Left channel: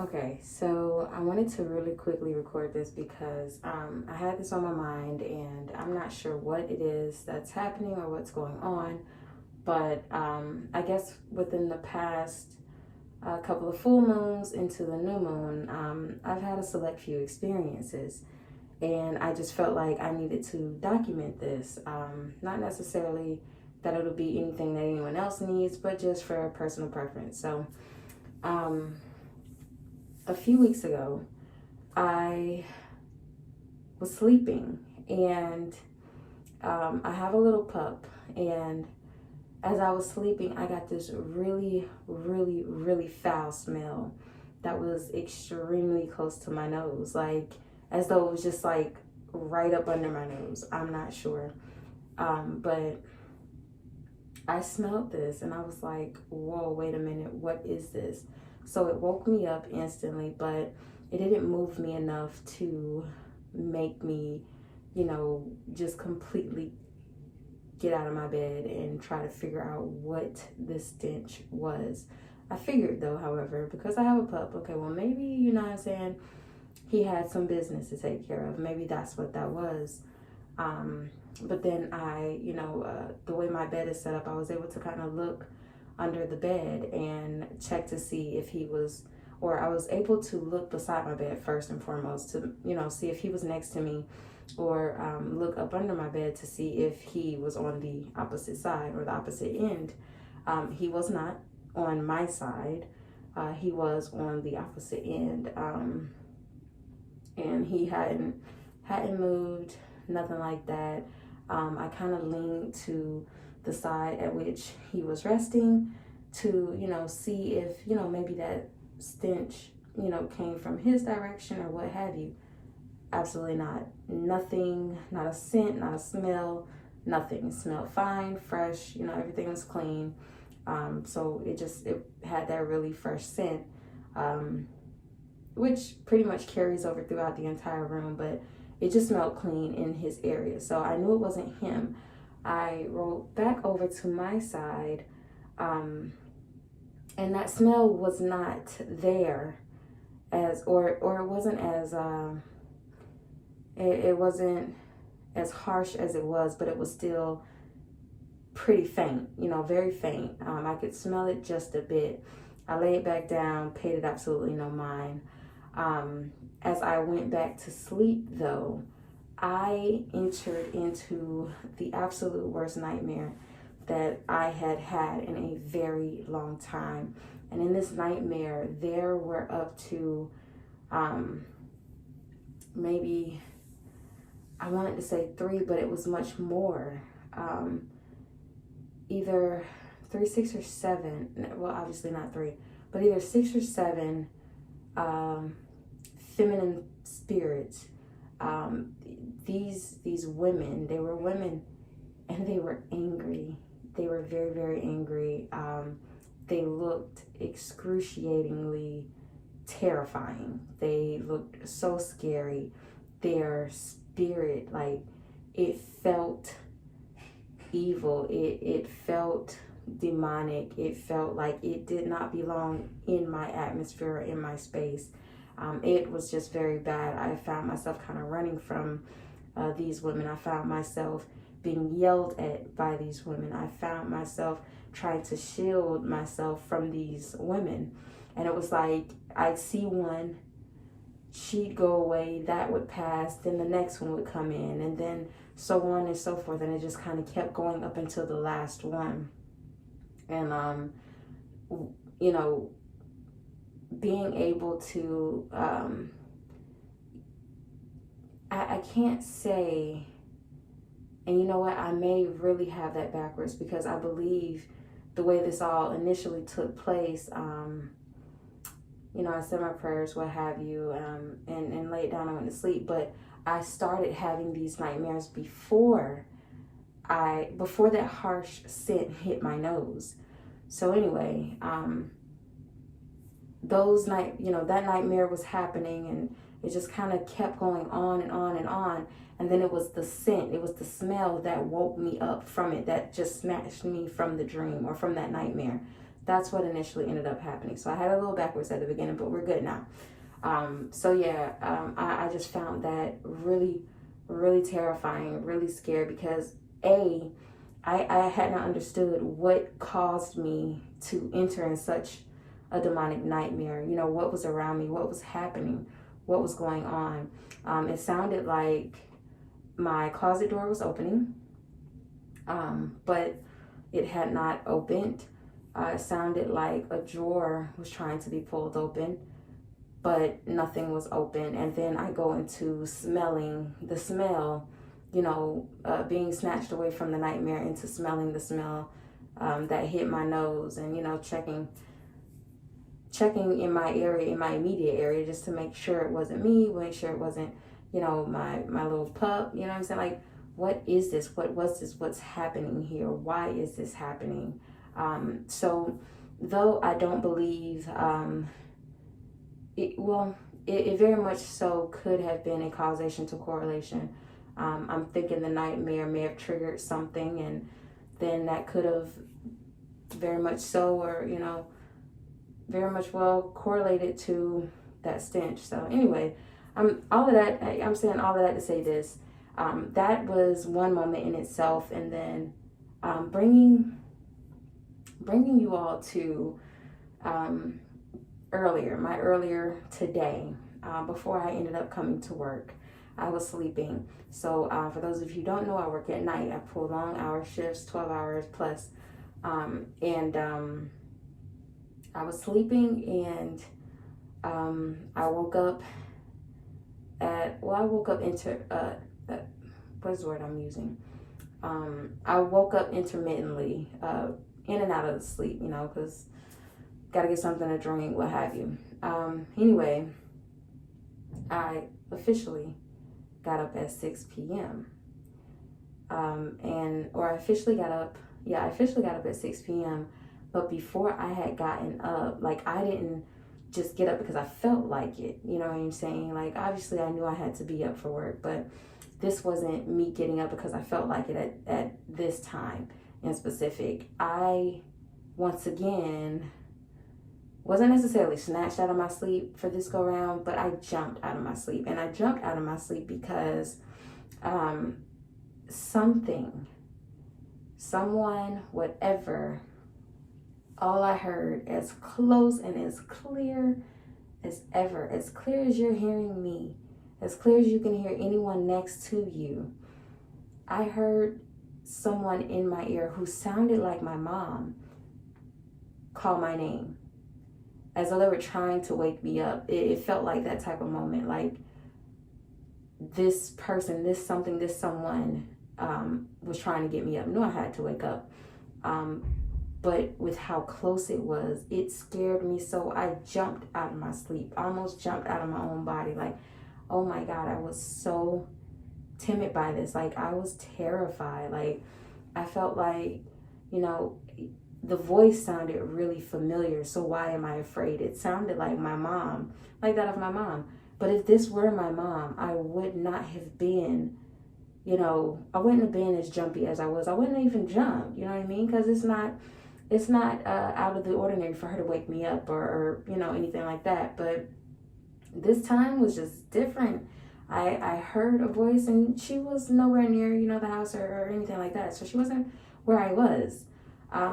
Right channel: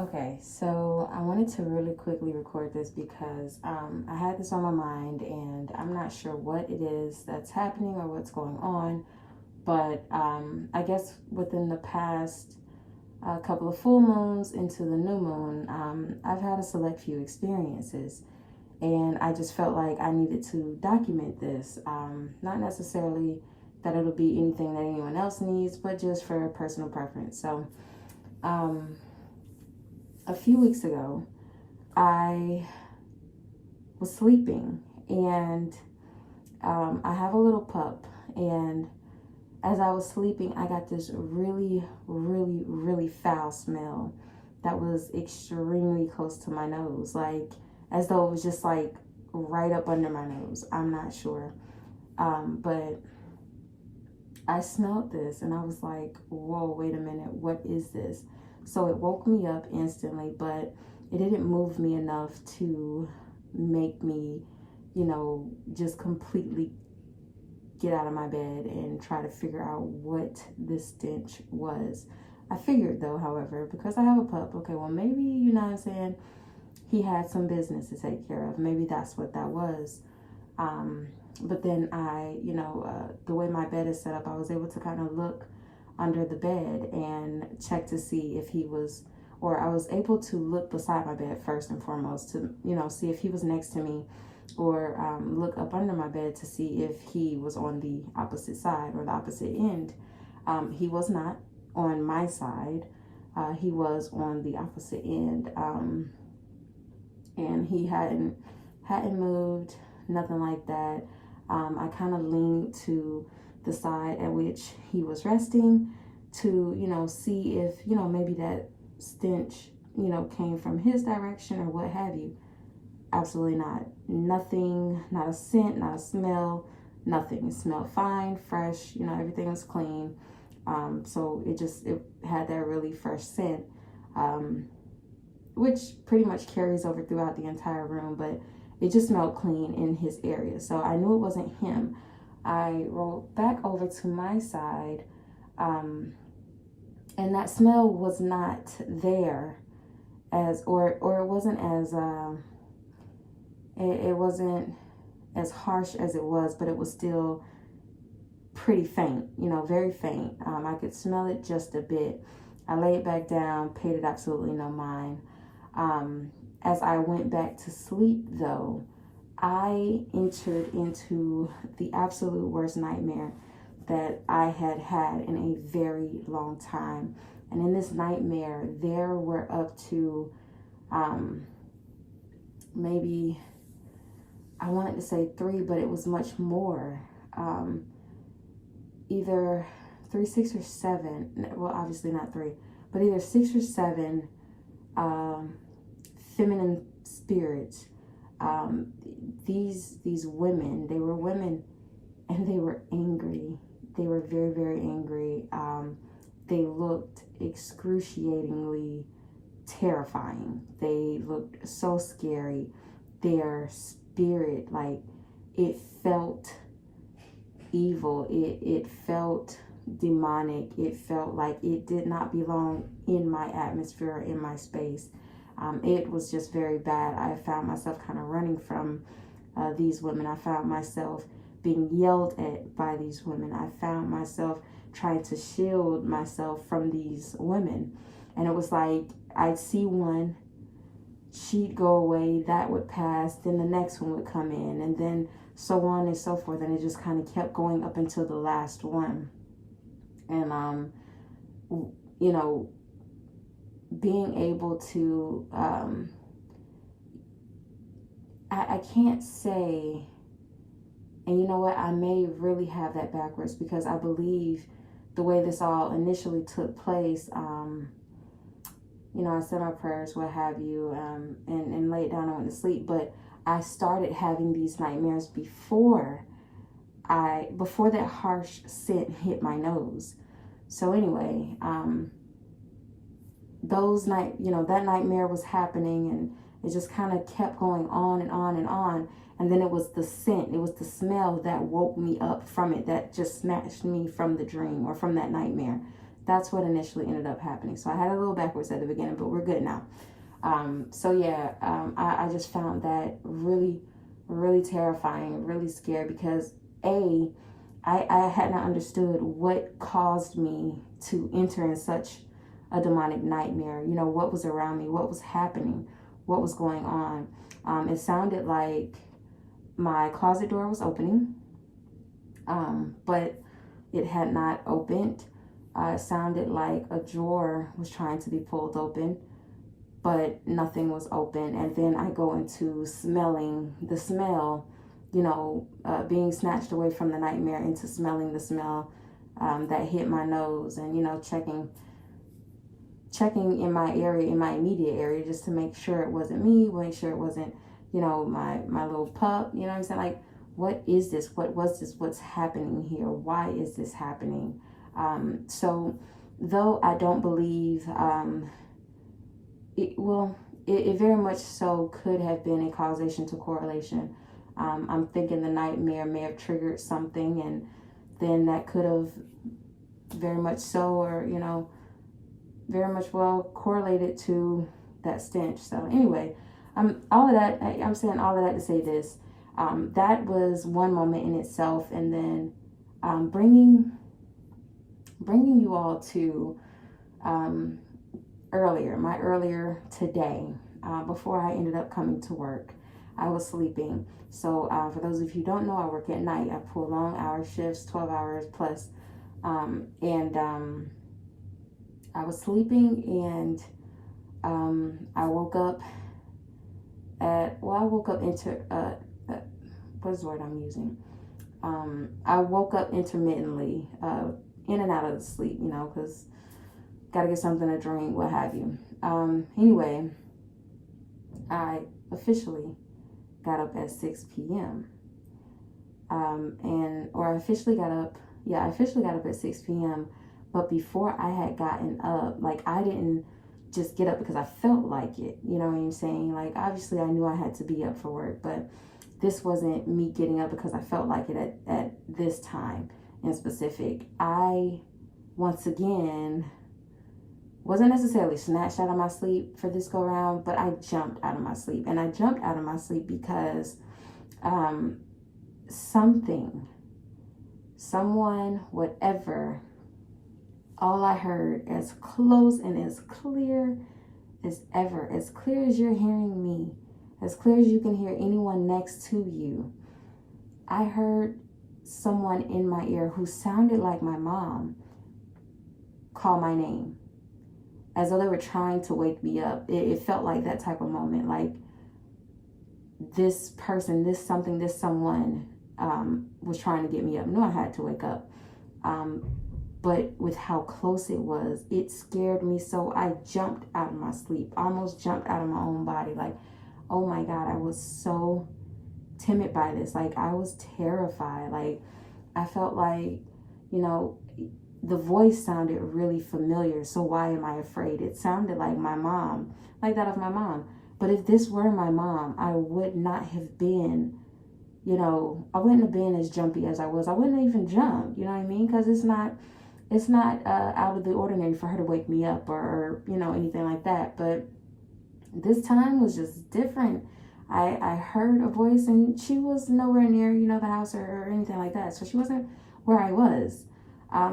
Okay, so I wanted to really quickly record this because I had this on my mind and I'm not sure what it is that's happening or what's going on. But I guess within the past couple of full moons into the new moon, I've had a select few experiences. And I just felt like I needed to document this. Not necessarily that it'll be anything that anyone else needs, but just for personal preference. So, um, a few weeks ago, I was sleeping and I have a little pup. And as I was sleeping, I got this really, really, really foul smell that was extremely close to my nose. Like, as though it was just like right up under my nose. I'm not sure. But I smelled this and I was like, whoa, wait a minute, what is this? So it woke me up instantly, but it didn't move me enough to make me, just completely get out of my bed and try to figure out what this stench was. I figured though, however, because I have a pup, okay, well, maybe, he had some business to take care of. Maybe that's what that was. But then the way my bed is set up, I was able to kind of look under the bed and check to see if he was, or I was able to look beside my bed first and foremost to, see if he was next to me, or look up under my bed to see if he was on the opposite side or the opposite end. He was not on my side. He was on the opposite end. And he hadn't moved, nothing like that. I kind of leaned to the side at which he was resting to, see if, maybe that stench, came from his direction or what have you. Absolutely not. Nothing, not a scent, not a smell, nothing. It smelled fine, fresh, everything was clean. So it had that really fresh scent, which pretty much carries over throughout the entire room, but it just smelled clean in his area. So I knew it wasn't him. I rolled back over to my side, and that smell was not there or it wasn't as, it wasn't as harsh as it was, but it was still pretty faint, very faint. I could smell it just a bit. I laid back down, paid it absolutely no mind. As I went back to sleep, though, I entered into the absolute worst nightmare that I had in a very long time. And in this nightmare, there were up to maybe, I wanted to say 3, but it was much more. Either 3, 6, or 7. Well, obviously not 3, but either 6 or 7 feminine spirits. These women, they were women, and they were angry. They were very, very angry. They looked excruciatingly terrifying. They looked so scary. Their spirit, like, it felt evil. It felt demonic. It felt like it did not belong in my atmosphere, in my space. It was just very bad. I found myself kind of running from these women. I found myself being yelled at by these women. I found myself trying to shield myself from these women. And it was like, I'd see one, she'd go away, that would pass, then the next one would come in, and then so on and so forth. And it just kind of kept going up until the last one. And, being able to, I can't say, and you know what, I may really have that backwards, because I believe the way this all initially took place, I said my prayers, what have you, and laid down and went to sleep. But I started having these nightmares before that harsh scent hit my nose. So anyway, that nightmare was happening, and it just kind of kept going on and on and on. And then it was the scent, it was the smell that woke me up from it, that just snatched me from the dream or from that nightmare. That's what initially ended up happening. So I had a little backwards at the beginning, but we're good now. I just found that really, really terrifying, really scary, because I had not understood what caused me to enter in such a demonic nightmare. You know, what was around me, what was happening, what was going on. It sounded like my closet door was opening, but it had not opened. It sounded like a drawer was trying to be pulled open, but nothing was open. And then I go into smelling the smell, being snatched away from the nightmare into smelling the smell that hit my nose, and, checking in my area, in my immediate area, just to make sure it wasn't me, make sure it wasn't, my little pup, you know what I'm saying? Like, what is this? What was this? What's happening here? Why is this happening? So though I don't believe, it very much so could have been a causation to correlation. I'm thinking the nightmare may have triggered something, and then that could have very much so, or, very much well correlated to that stench. So anyway, I'm saying all of that to say this. That was one moment in itself, and then bringing you all to earlier today, before I ended up coming to work. I was sleeping. So for those of you who don't know, I work at night. I pull long hour shifts, 12 hours plus. I was sleeping, and I woke up into, what is the word I'm using? I woke up intermittently, in and out of the sleep, because got to get something to drink, what have you. Anyway, I officially got up at 6 p.m. I officially got up at 6 p.m. But before I had gotten up, like, I didn't just get up because I felt like it. You know what I'm saying? Like, obviously I knew I had to be up for work, but this wasn't me getting up because I felt like it at this time in specific. I, once again, wasn't necessarily snatched out of my sleep for this go round, but I jumped out of my sleep. And I jumped out of my sleep because someone, whatever, all I heard, as close and as clear as ever, as clear as you're hearing me, as clear as you can hear anyone next to you, I heard someone in my ear who sounded like my mom call my name, as though they were trying to wake me up. It felt like that type of moment, like this person, this someone was trying to get me up. I knew I had to wake up. But with how close it was, it scared me. So I jumped out of my sleep, almost jumped out of my own body. Like, oh my God, I was so timid by this. Like, I was terrified. Like, I felt like, the voice sounded really familiar. So why am I afraid? It sounded like my mom, like that of my mom. But if this were my mom, I would not have been, I wouldn't have been as jumpy as I was. I wouldn't have even jumped, you know what I mean? Because it's not out of the ordinary for her to wake me up or anything like that. But this time was just different. I heard a voice, and she was nowhere near, the house or anything like that. So she wasn't where I was.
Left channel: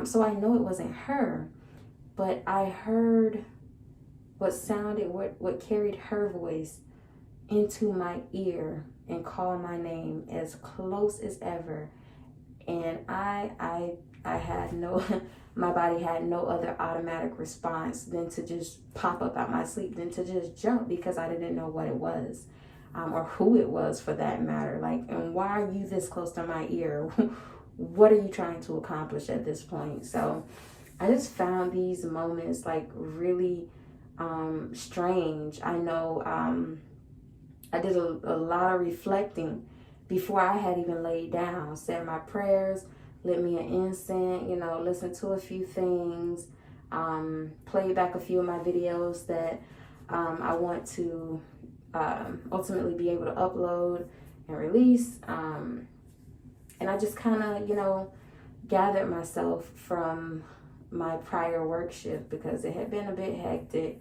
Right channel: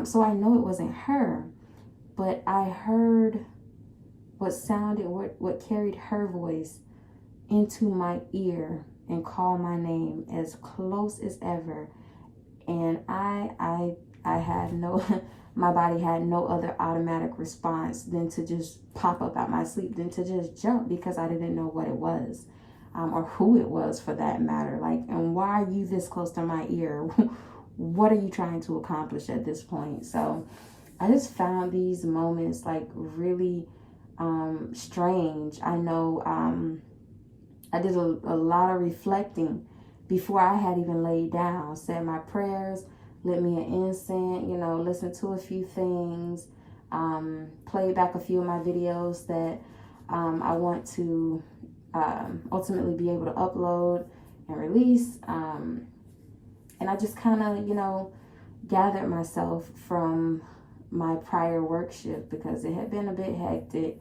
So I know it wasn't her, but I heard what carried her voice into my ear and called my name as close as ever. And I had no, my body had no other automatic response than to just pop up out my sleep, than to just jump, because I didn't know what it was, or who it was for that matter. Like, and why are you this close to my ear? What are you trying to accomplish at this point? So I just found these moments like really strange. I know I did a lot of reflecting before I had even laid down, said my prayers, lit me an incense, listened to a few things, played back a few of my videos that I want to ultimately be able to upload and release. And I just kind of, gathered myself from my prior work shift because it had been a bit hectic,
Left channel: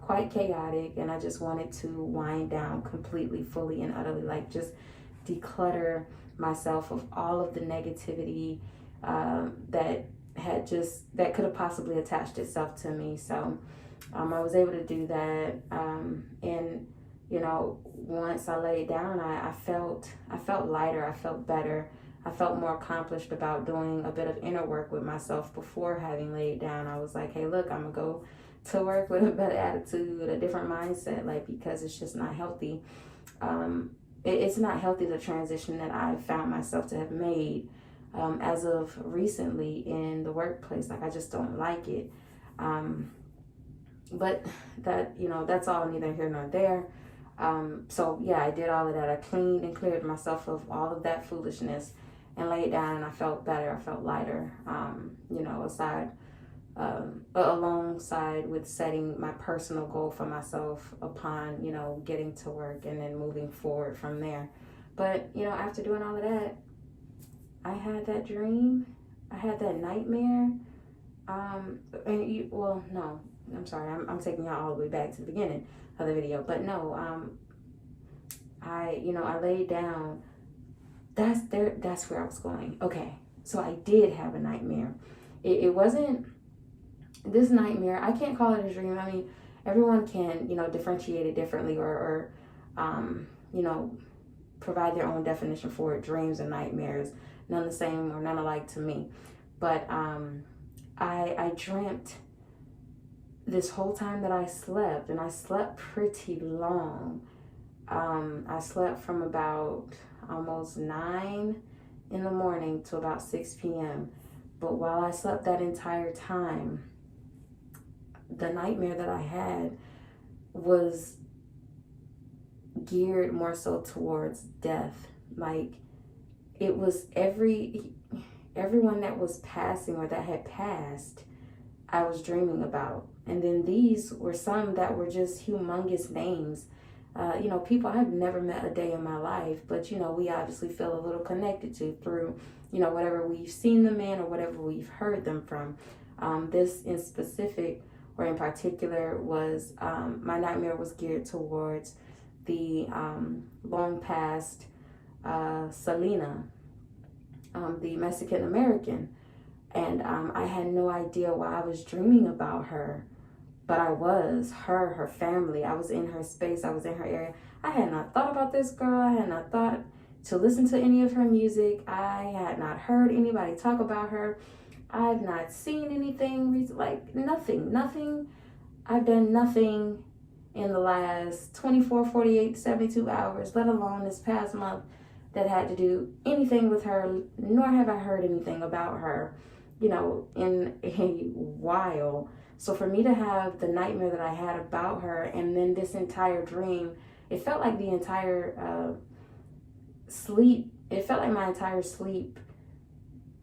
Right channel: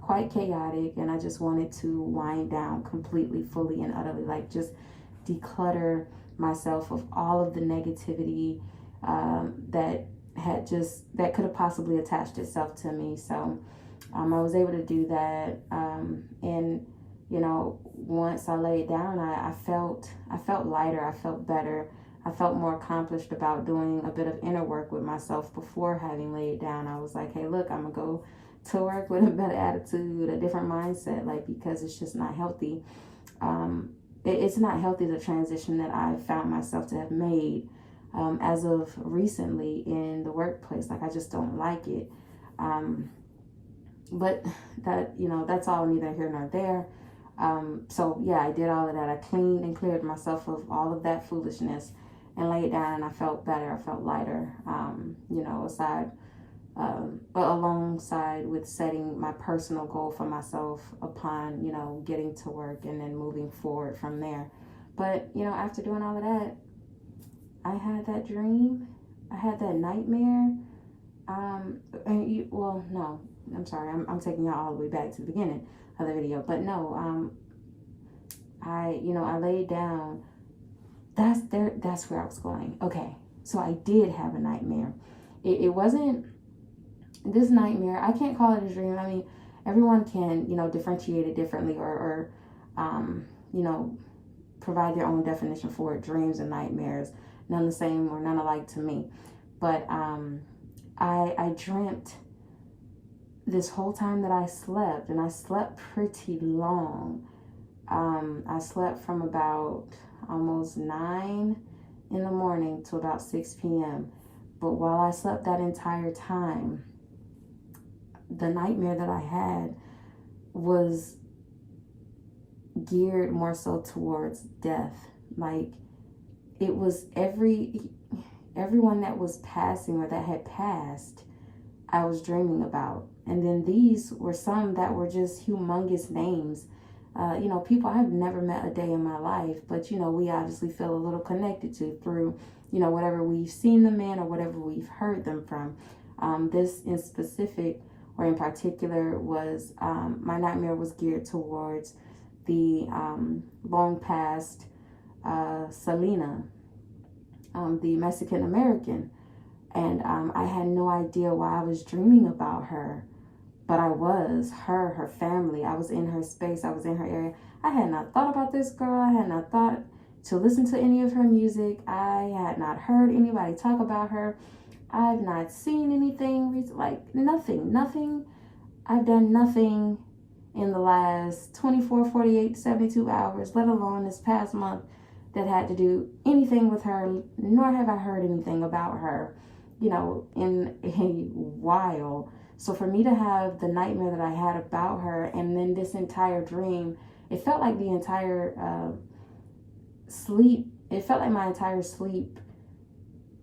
quite chaotic, and I just wanted to wind down completely, fully, and utterly, like just declutter myself of all of the negativity that could have possibly attached itself to me. So I was able to do that, and once I laid down, I felt lighter. I felt better. I felt more accomplished about doing a bit of inner work with myself before having laid down. I was like, hey, look, I'm gonna go to work with a better attitude, a different mindset, like, because it's just not healthy. It's not healthy, the transition that I found myself to have made as of recently in the workplace. Like, I just don't like it. But that's all neither here nor there. So yeah, I did all of that. I cleaned and cleared myself of all of that foolishness and laid down, and I felt better. I felt lighter, alongside with setting my personal goal for myself upon, getting to work and then moving forward from there. But, after doing all of that, I had that dream. I had that nightmare. No, I'm sorry. I'm taking y'all all the way back to the beginning of the video. But no, I laid down. That's where I was going. Okay. So I did have a nightmare. It wasn't this nightmare. I can't call it a dream. I mean, everyone can, differentiate it differently or provide their own definition for it. Dreams and nightmares, none the same or none alike to me. But I dreamt this whole time that I slept, and I slept pretty long. I slept from about almost 9 in the morning to about 6 p.m. But while I slept that entire time, the nightmare that I had was geared more so towards death. Like, it was everyone that was passing or that had passed, I was dreaming about. And then these were some that were just humongous names. People I've never met a day in my life, but, we obviously feel a little connected to through, whatever we've seen them in or whatever we've heard them from. This in specific or in particular was, my nightmare was geared towards the long past Selena, the Mexican American. And I had no idea why I was dreaming about her. But I was her family. I was in her space. I was in her area. I had not thought about this girl. I had not thought to listen to any of her music. I had not heard anybody talk about her. I've not seen anything, like nothing. I've done nothing in the last 24, 48, 72 hours, let alone this past month, that had to do anything with her, nor have I heard anything about her, in a while. So for me to have the nightmare that I had about her, and then this entire dream, it felt like the entire sleep, it felt like my entire sleep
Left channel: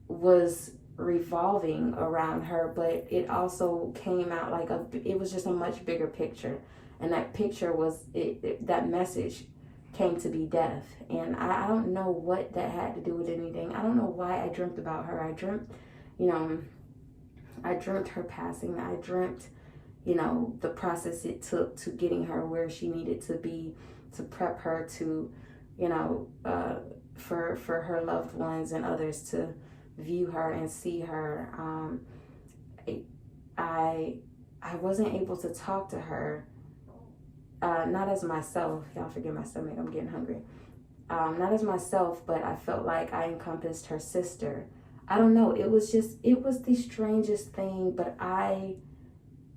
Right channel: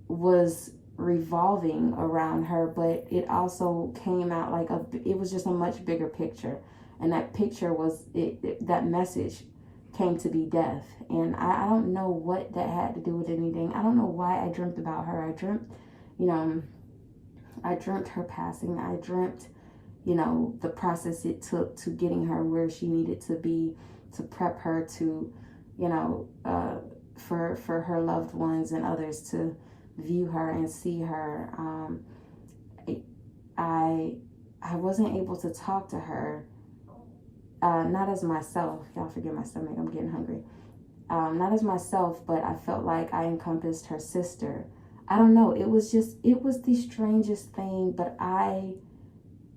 was revolving around her, but it also came out like it was just a much bigger picture. And that picture was, that message came to be death. And I don't know what that had to do with anything. I don't know why I dreamt about her. I dreamt her passing. I dreamt, the process it took to getting her where she needed to be, to prep her to, for her loved ones and others to view her and see her. I wasn't able to talk to her, not as myself. Y'all forgive my stomach, I'm getting hungry. Not as myself, but I felt like I encompassed her sister. I don't know. It was the strangest thing, but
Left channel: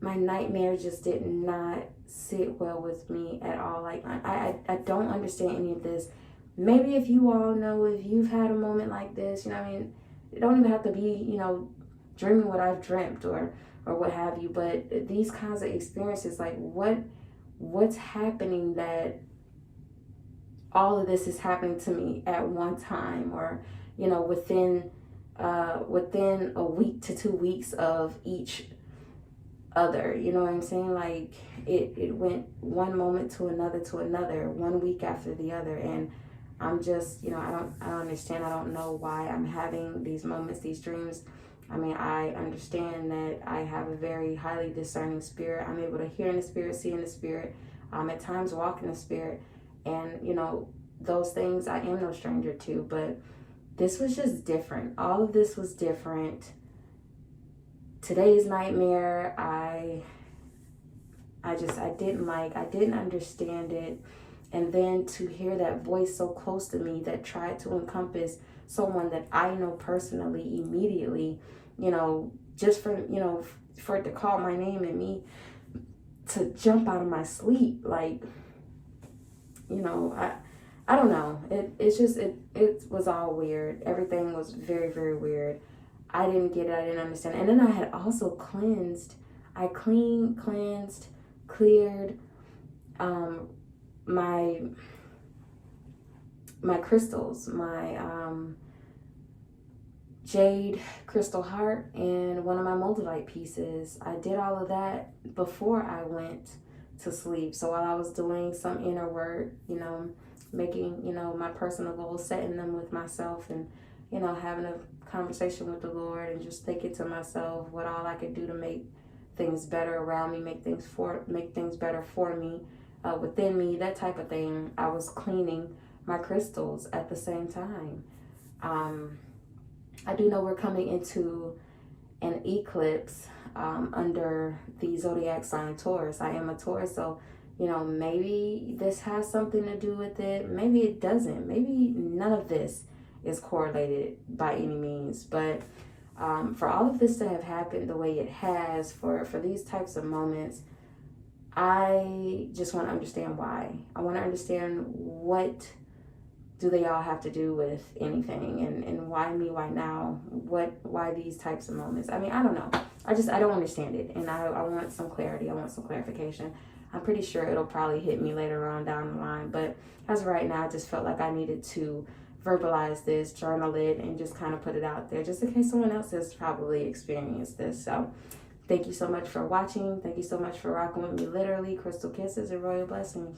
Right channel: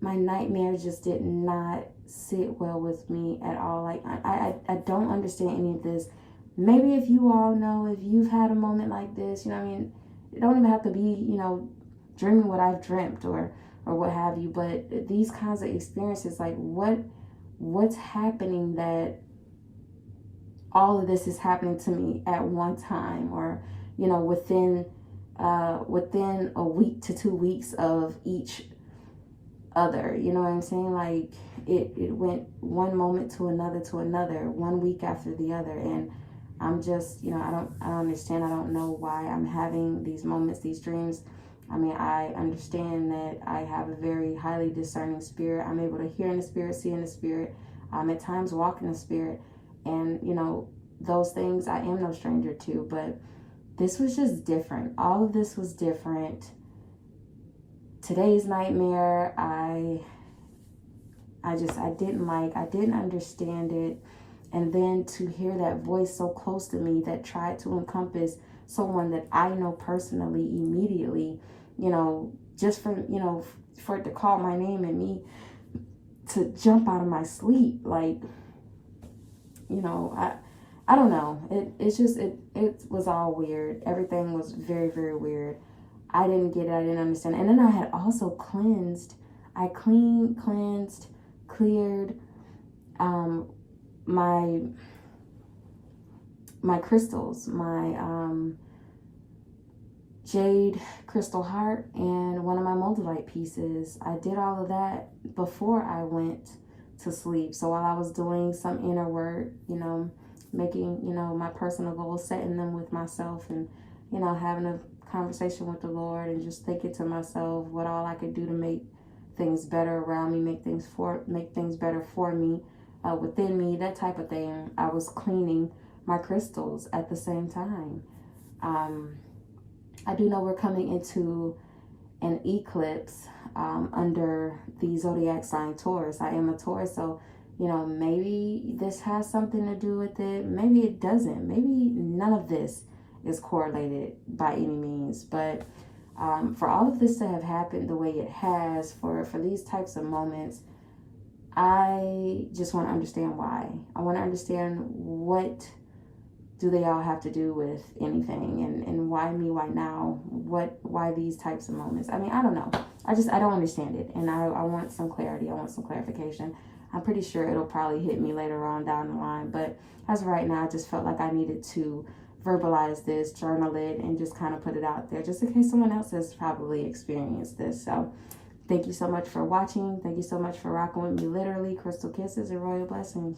my nightmare just did not sit well with me at all. Like, I don't understand any of this. Maybe if you all know, if you've had a moment like this, it don't even have to be, dreaming what I've dreamt or what have you, but these kinds of experiences, like what's happening that all of this is happening to me at one time, or, within a week to 2 weeks of each other, you know what I'm saying? Like it went one moment to another, 1 week after the other. And I'm just, I don't understand. I don't know why I'm having these moments, these dreams. I mean, I understand that I have a very highly discerning spirit. I'm able to hear in the spirit, see in the spirit, at times walk in the spirit. And, you know, those things I am no stranger to. But this was just different. All of this was different. Today's nightmare, I didn't understand it. And then to hear that voice so close to me that tried to encompass someone that I know personally immediately, you know, just for, you know, for it to call my name and me to jump out of my sleep, like, you know, I don't know. It was all weird. Everything was very, very weird. I didn't get it. I didn't understand. And then I had also cleansed. I cleansed, cleared my crystals, my jade crystal heart, and one of my moldavite pieces. I did all of that before I went to sleep. So while I was doing some inner work, you know, making, you know, my personal goals, setting them with myself, and, you know, having a conversation with the Lord, and just thinking to myself what all I could do to make things better around me, make things better for me, within me, that type of thing. I was cleaning my crystals at the same time. I do know we're coming into an eclipse under the zodiac sign Taurus. I am a Taurus, so, you know, maybe this has something to do with it. Maybe it doesn't. Maybe none of this is correlated by any means. But for all of this to have happened the way it has, for these types of moments, I just want to understand why. I want to understand, what do they all have to do with anything, and why me, why now, why these types of moments? I mean, I don't know. I don't understand it, and I want some clarity. I want some clarification. I'm pretty sure it'll probably hit me later on down the line, but as of right now, I just felt like I needed to verbalize this, journal it, and just kind of put it out there, just in case someone else has probably experienced this. So thank you so much for watching. Thank you so much for rocking with me. Literally, crystal kisses and royal blessings.